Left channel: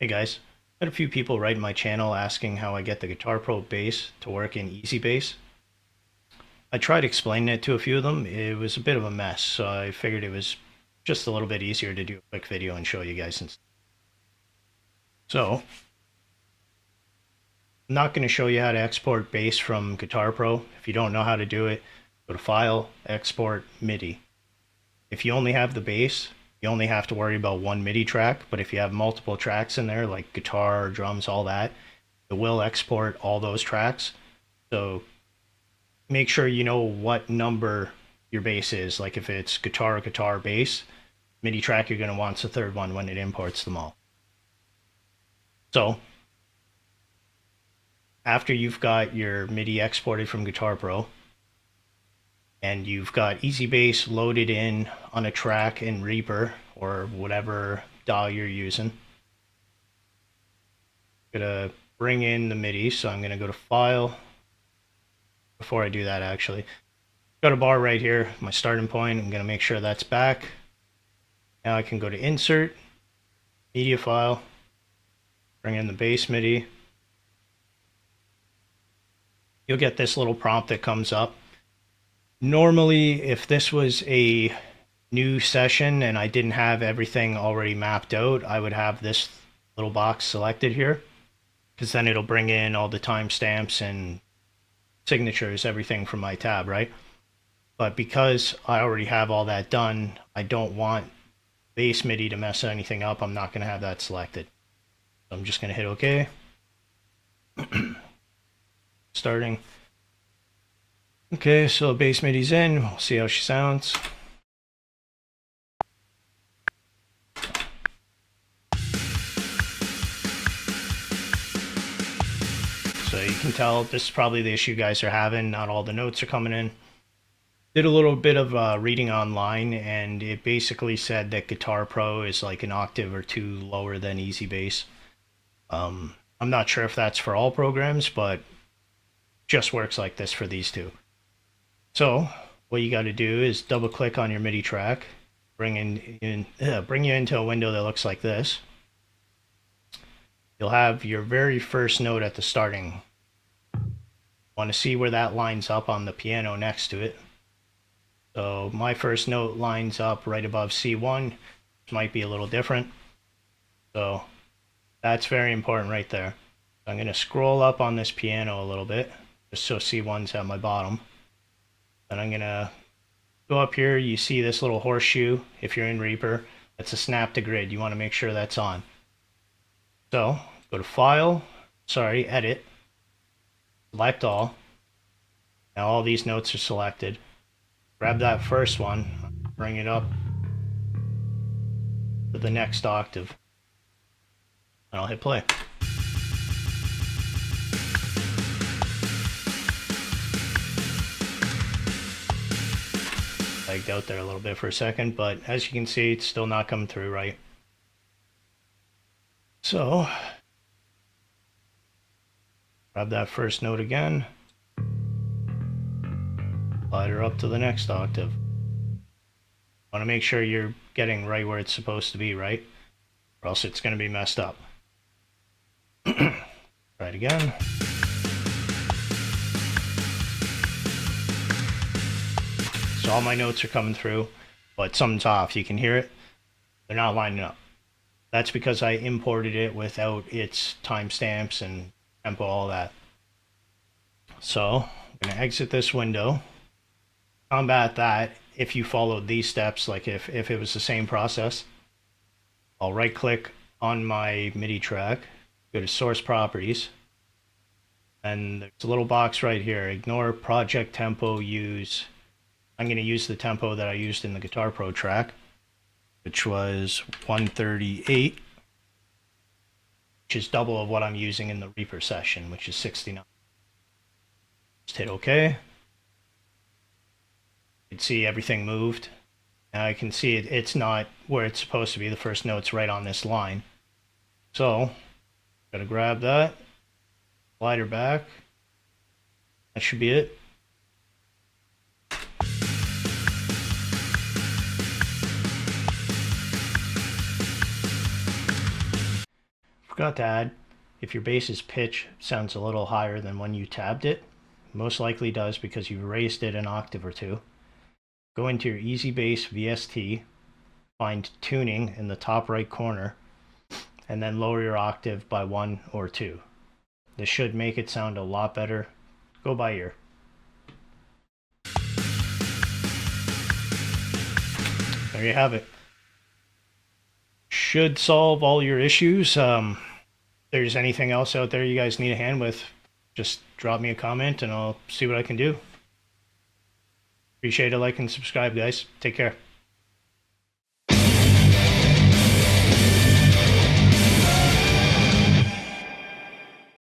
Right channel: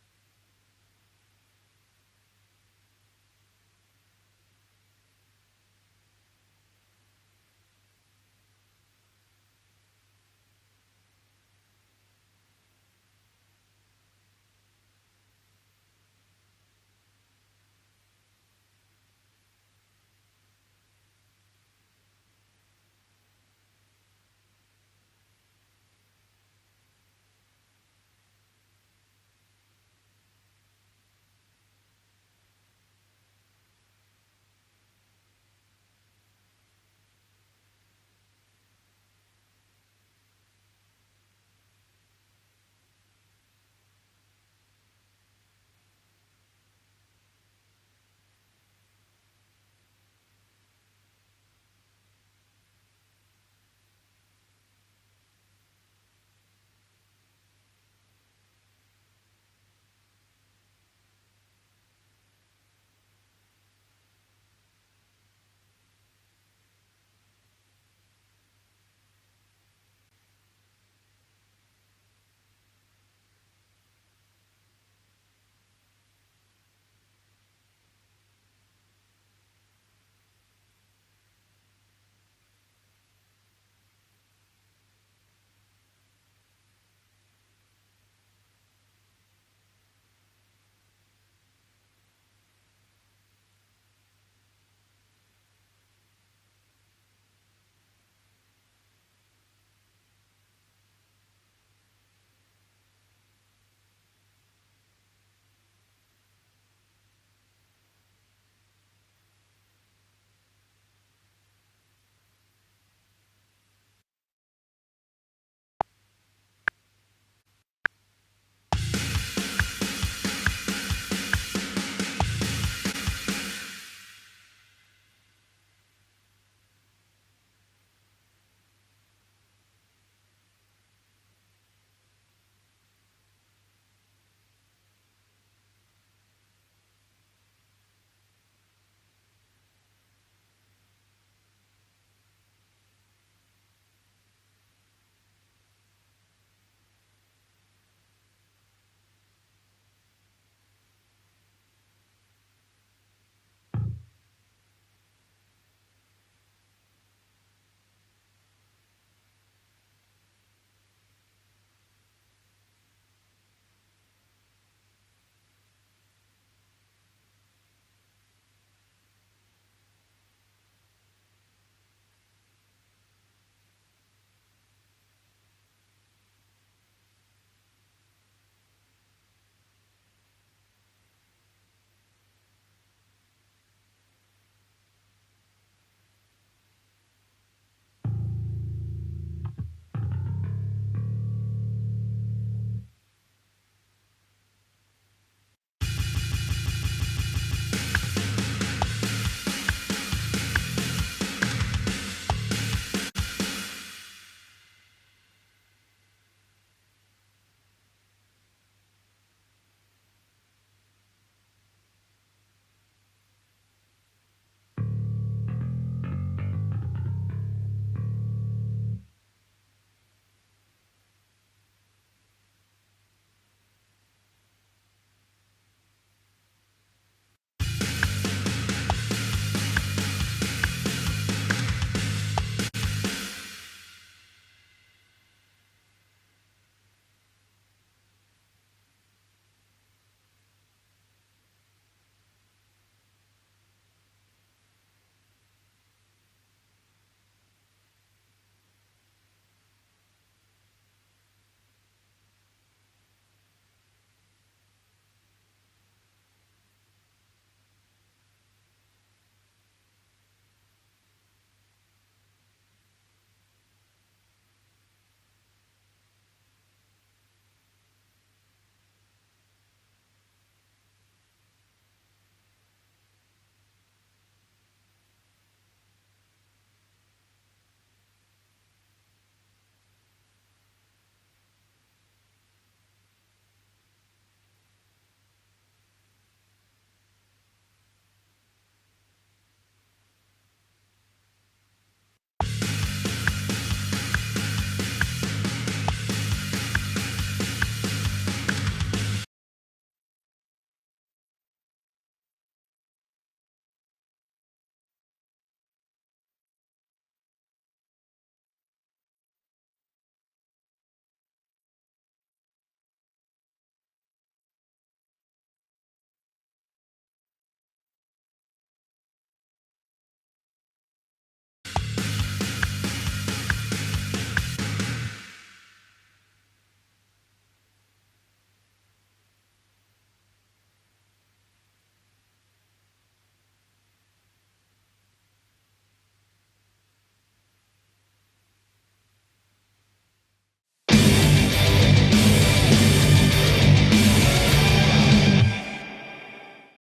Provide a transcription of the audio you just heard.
Hey guys, had a few people write in my channel asking how I get the Guitar Pro bass to work in EZbass. I tried explaining it to a few of them. It was a bit of a mess, so I figured it was just a little bit easier to do a quick video and show you guys. So, I'm not going to show you how to export bass from Guitar Pro. If you don't know how to do it, go to File, Export, MIDI. If you only have the bass, you only have to worry about one MIDI track, but if you have multiple tracks in there, like guitar, drums, all that, it will export all those tracks. So make sure you know what number your bass is. Like if it's guitar, guitar, bass, MIDI track, you're going to want the third one when it imports them all. So after you've got your MIDI exported from Guitar Pro, and you've got EZbass loaded in on a track in Reaper or whatever DAW you're using. I'm gonna bring in the MIDI, so I'm gonna go to File. Before I do that, actually, got a bar right here, my starting point. I'm gonna make sure that's back. Now I can go to Insert, Media File, bring in the bass MIDI. You'll get this little prompt that comes up. Normally, if this was a new session and I didn't have everything already mapped out, I would have this little box selected here, because then it'll bring in all the timestamps and signatures, everything from my tab, right? But because I already have all that done, I don't want bass MIDI to mess anything up. I'm not going to have that selected. So I'm just going to hit OK. Starting. Okay, so bass MIDI's in. We'll see how she sounds. So you can tell this is probably the issue you guys are having. Not all the notes are coming in. Did a little bit of reading online, and it basically said that Guitar Pro is like an octave or two lower than EZbass. I'm not sure if that's for all programs, but just works like this for these two. So what you got to do is double click on your MIDI track, bring you into a window that looks like this. You'll have your very first note at the starting. Want to see where that lines up on the piano next to it. So my first note lines up right above C1, which might be a little different. So that's very important right there. I'm going to scroll up on this piano a little bit, just so C1's at my bottom. And I'm going to go up here. You see this little horseshoe if you're in Reaper. That's a snap to grid. You want to make sure that's on. So go to File, Edit, select all. Now all these notes are selected. Grab that first one, bring it up to the next octave, and I'll hit play. Out there a little bit for a second, but as you can see, it's still not coming through right. So grab that first note again, slide her up to the next octave. Want to make sure you're getting right where it's supposed to be, right? Or else it's going to be messed up. Try it again. All my notes are coming through, but something's off. You can hear it. They're not lining up. That's because I imported it without its timestamps and tempo, all that. So I'm going to exit this window. Combat that if you followed these steps, like if it was the same process. I'll right click on my MIDI track, go to Source Properties, and there's a little box right here. Ignore project tempo, use. I'm going to use the tempo that I used in the Guitar Pro track, which was 138, which is double of what I'm using in the Reaper session, which is 69. Just hit OK. You can see everything moved. Now I can see it's not where it's supposed to be. The first note's right on this line. So, gotta grab that, slide her back. That should be it. Forgot to add, if your bass's pitch sounds a little higher than when you tabbed it, most likely does because you raised it an octave or two. Go into your EZbass VST, find tuning in the top right corner, and then lower your octave by 1 or 2. This should make it sound a lot better. Go by ear. There you have it. Should solve all your issues. If there's anything else out there you guys need a hand with, just drop me a comment and I'll see what I can do. Appreciate it, like and subscribe, guys. Take care.